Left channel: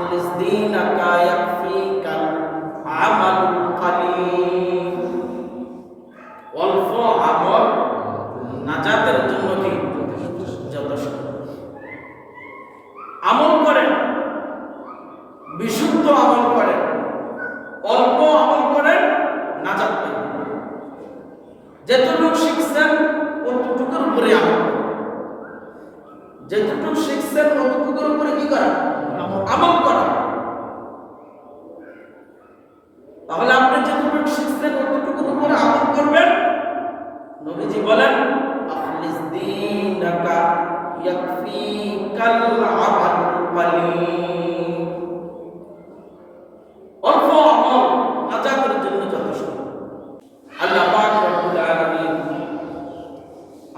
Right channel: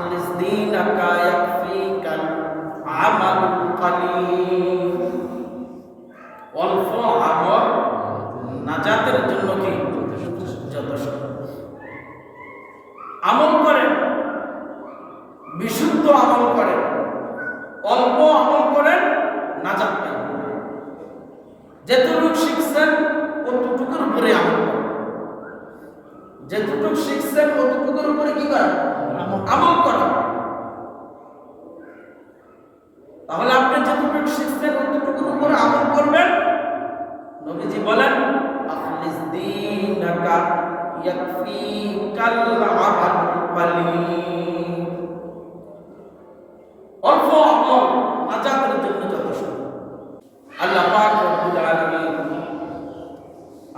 আখলিস দীনাকা ইয়াকফিকাল আমালুল কালিল। অল্প আমল নাজাতের জন্য কি যথেষ্ট। আমল করেন, বিশুদ্ধ আমল করেন, অল্প আমল করেন, নাজাত পাইবেন। যেটুকু শিখছেন অতটুকুর উপরে আমল করেন, যেটুকু শিখছেন অতটুকুর উপরে কি করা? আমল করা। তাহলে আপনি যেটুকু শিখছেন অতটুকুর উপরে আমল করবেন। নবীজি বলেন আখলিস দীনাকা ইয়াকফিকাল আমালুল কালিল। অল্প আমল নাজাতের জন্য যথেষ্ট। আল্লাহ পাক রব্বুল আলামিন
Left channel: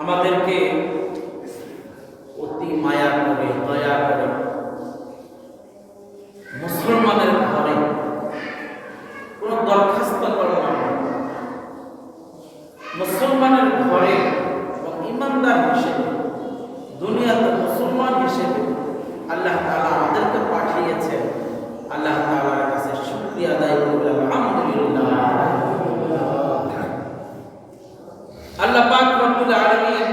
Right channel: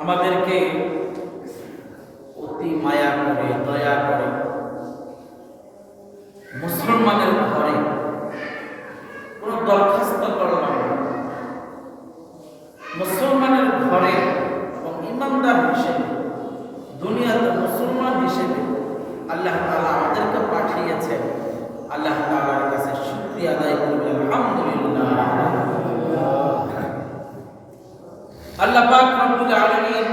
আমাদেরকে অতি মায়া করে, দয়া করে মুসলমানের ঘরে কোনো দরখাস্ত করলাম না, মুসলমানের ঘরে এবং ইমানদার হিসেবে, দুনিয়াতে মুসলমান হিসেবে আল্লাহ তাআলা আমাদেরকে পাঠিয়েছেন। আল্লাহ তাআলার কাছে শুকরিয়া আদায় করব, আলহামদুলিল্লাহ। আল্লাহ পাক রব্বুল আলামিন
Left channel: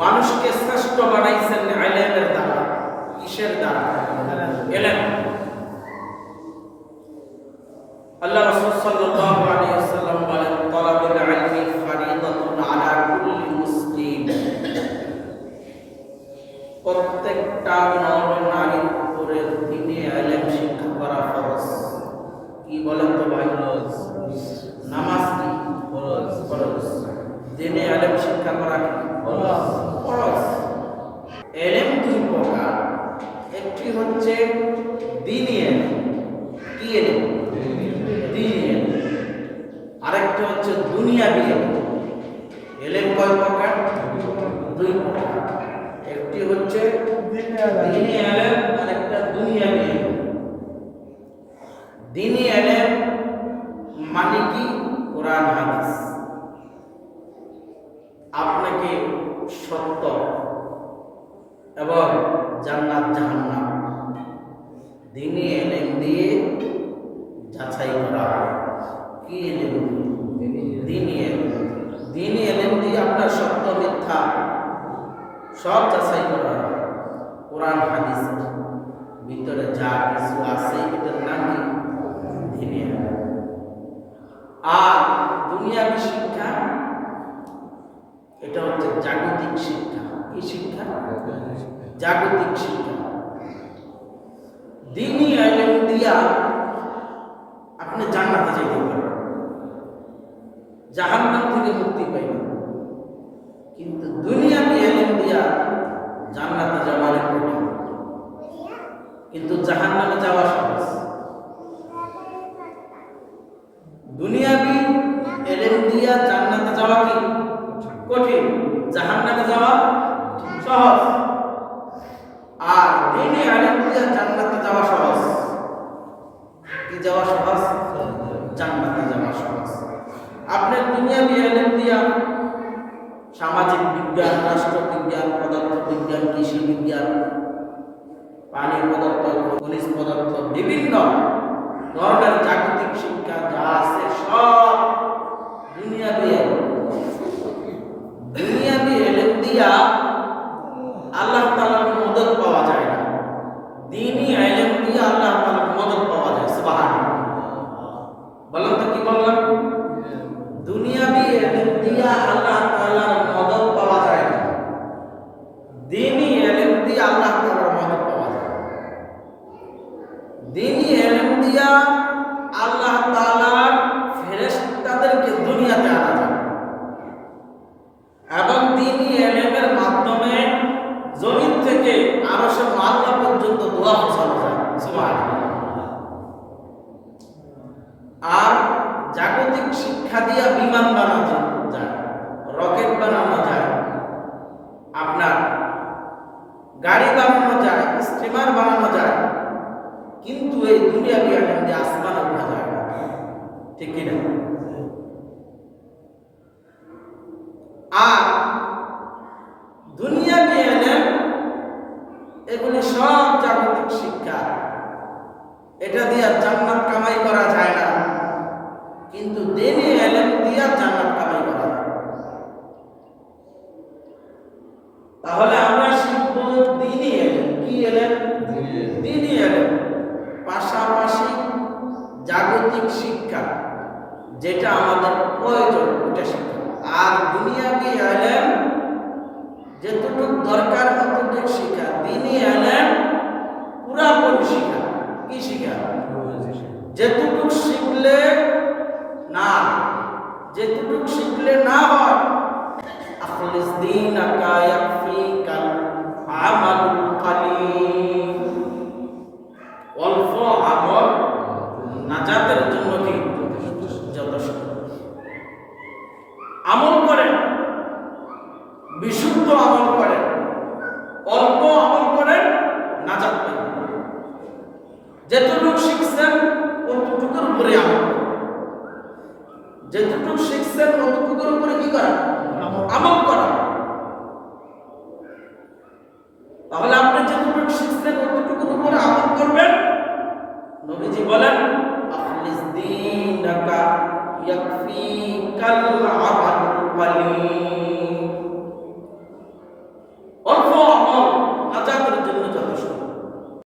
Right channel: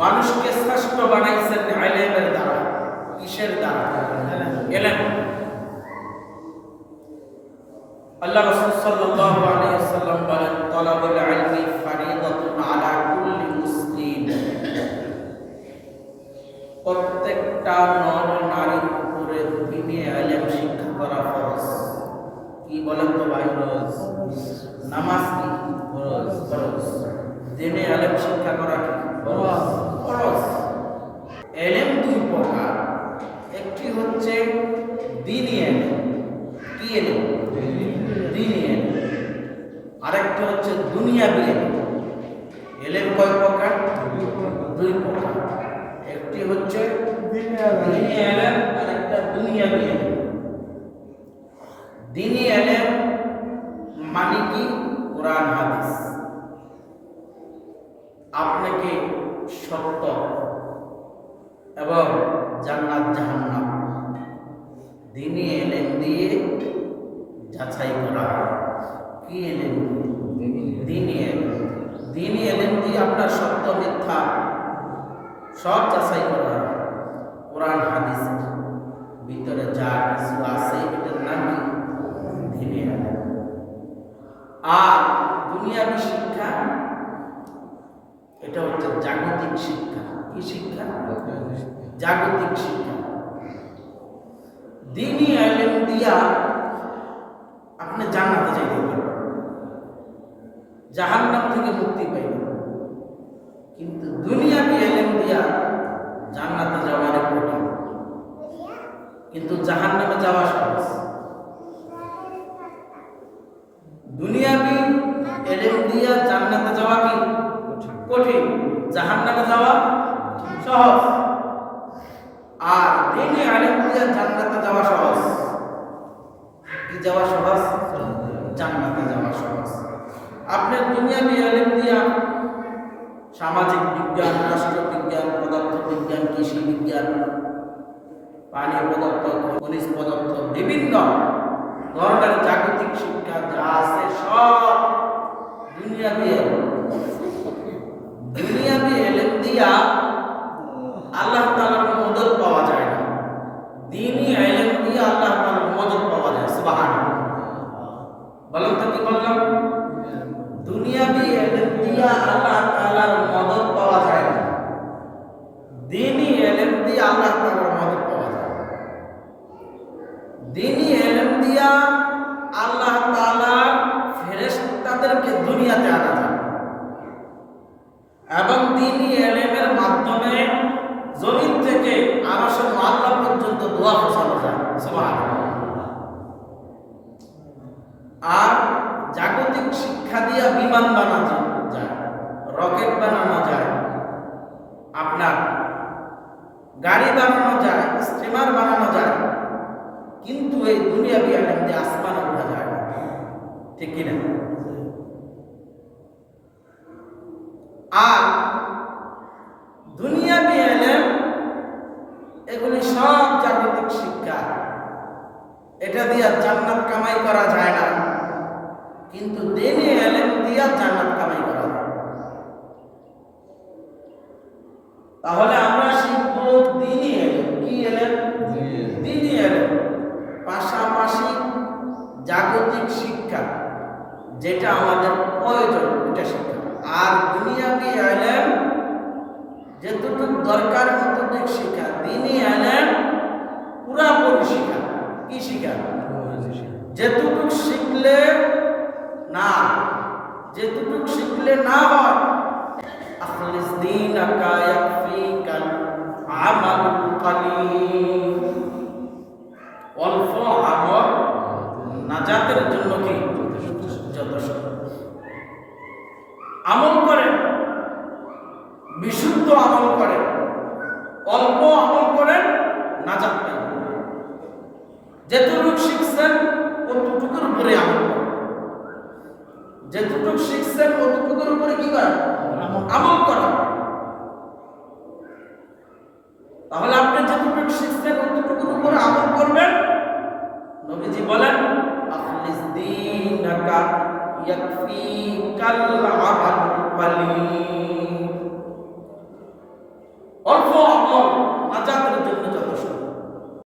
মানুষকে শ্রেষ্ঠ বানাইছেন ইলমের দ্বারা। কিসের দ্বারা? ইলম। আল্লাহ রাসূল সাল্লাল্লাহু আলাইহি ওয়াসাল্লাম বলেন তালাবুল ইলমি ফরিদাতুন আলা কুল্লি মুসলিম। প্রত্যেকটা নর নারীর উপরে দ্বীনে ইলম শিক্ষা করা ফরজ। কি বলেন তো ভাই? ফরজ। নামাজ কি ফরজ? ফরজ। দ্বীনে ইলম শিক্ষা করা কি ফরজ? ফরজ। ইলম দুই প্রকার, একটি হচ্ছে দ্বীনি ইলম। কি ইলম? দ্বীনি ইলম। আরেকটি হচ্ছে দুনিয়াবি ইলম। ইলম কয় প্রকার? দুই প্রকার। একটি হচ্ছে দ্বীনি ইলম, আরেকটা দুনিয়াবি ইলম। দ্বীনি ইলম মানে কি? কোরআন হাদিস। আপনাকে সত্য এবং জান্নাত জাহান্নাম দ্বীনি ইলম দিয়ে যাচাই করা হয়। কি ইলম? দ্বীনি ইলম। দ্বীনি ইলম দিয়ে আপনার সত্য মিথ্যা সব যাচাই করা হয়। কোরআন হাদিসের ভিতরে যা কিছু আছে এটার নাম কি? দ্বীনি ইলম। আর দুনিয়াবি শিক্ষা এটা হচ্ছে জাগতিক শিক্ষা। কি শিক্ষা? জাগতিক শিক্ষা। দ্বীনি ইলম দিয়া আপনি জান্নাতে যাইতে পারবেন, জাহান্নাম থেকে মুক্তি পাইবেন। কিন্তু দুনিয়াবি ইলম দিয়া জান্নাতে যাওয়া অনেক কঠিন, কিন্তু জাহান্নামে যাওয়া সহজ। দুনিয়াবি ইলম দিয়া জান্নাতে যাওয়া কি কঠিন, জাহান্নামে যাওয়া সহজ। আর দ্বীনি ইলম দিয়া জান্নাতে যাওয়া সহজ। কি যাওয়া সহজ? জান্নাতে যাওয়া সহজ। আপনি দুনিয়াবি ইলম দিয়া সামাজিক বিজ্ঞান, রাষ্ট্রবিজ্ঞান, পদার্থবিজ্ঞান, কৃষি বিজ্ঞান, পানি পদার্থ, খনিজ পদার্থ, বিভিন্ন ধরনের জাগতিক শিক্ষা যা আছে সব দুনিয়াবি ইলম। দুনিয়াবি ইলম দিয়া আল্লাহ তাআলার মদদ পাওয়া যায় না, দ্বীনি ইলম দিয়ে আল্লাহ তাআলার মদদ পাওয়া যায়। সুবহানাল্লাহ। বলেন তো কি বললাম? দুনিয়াবি ইলম দিয়া আল্লাহ তাআলার মদদ পাওয়া যায় না, দ্বীনি ইলম দিয়ে আল্লাহ তাআলার মদদ পাওয়া যায়। দ্বীনি ইলম দিয়া আল্লাহ তাআলার ফেরেশতাদেরকে দুনিয়াতে আনা যায় এবং দ্বীনি ইলমের মাধ্যমে জমিন থেকে আরশে আল্লাহ পর্যন্ত দোয়া পৌঁছানো যায়। সুবহানাল্লাহ। আর জাগতিক শিক্ষা দিয়া বিমান বানানো যায়, রকেট বানানো যায়, আপনার গাড়ি বানানো যায়, স্টিমার বানানো যায়, কিন্তু এই দুনিয়াবি ইলম দিয়ে আসমানে ওঠা যায় না। ঠিক কিনা? আর দুনিয়াবি ইলম এগুলি সব জাগতিক শিক্ষা। এটা দিয়া জান্নাত কামাই করা যায় না, কিন্তু দ্বীনি ইলম দিয়া জান্নাত কামাই করা যায়। তাহলে আমরা শিখব দ্বীনি ইলম। কি ইলম? দ্বীনি ইলম। পাশাপাশি জাগতিক শিক্ষা যেটা আমাদের প্রয়োজন ওটা শিক্ষা, আর দুনিয়াবি ইলম যতটুকু দরকার ততটুকু শিক্ষা। দ্বীনি ইলম পুরাপুরি শিক্ষা। কি শিক্ষা? যেটুকু শিখলে না, যেটুকু শিখলে না হয়, আখলিস দীনাকা ইয়াকফিকাল আমালুল কালিল। অল্প আমল নাজাতের জন্য কি যথেষ্ট। আমল করেন, বিশুদ্ধ আমল করেন, অল্প আমল করেন, নাজাত পাইবেন। যেটুকু শিখছেন অতটুকুর উপরে আমল করেন, যেটুকু শিখছেন অতটুকুর উপরে কি করা? আমল করা। তাহলে আপনি যেটুকু শিখছেন অতটুকুর উপরে আমল করবেন। নবীজি বলেন আখলিস দীনাকা ইয়াকফিকাল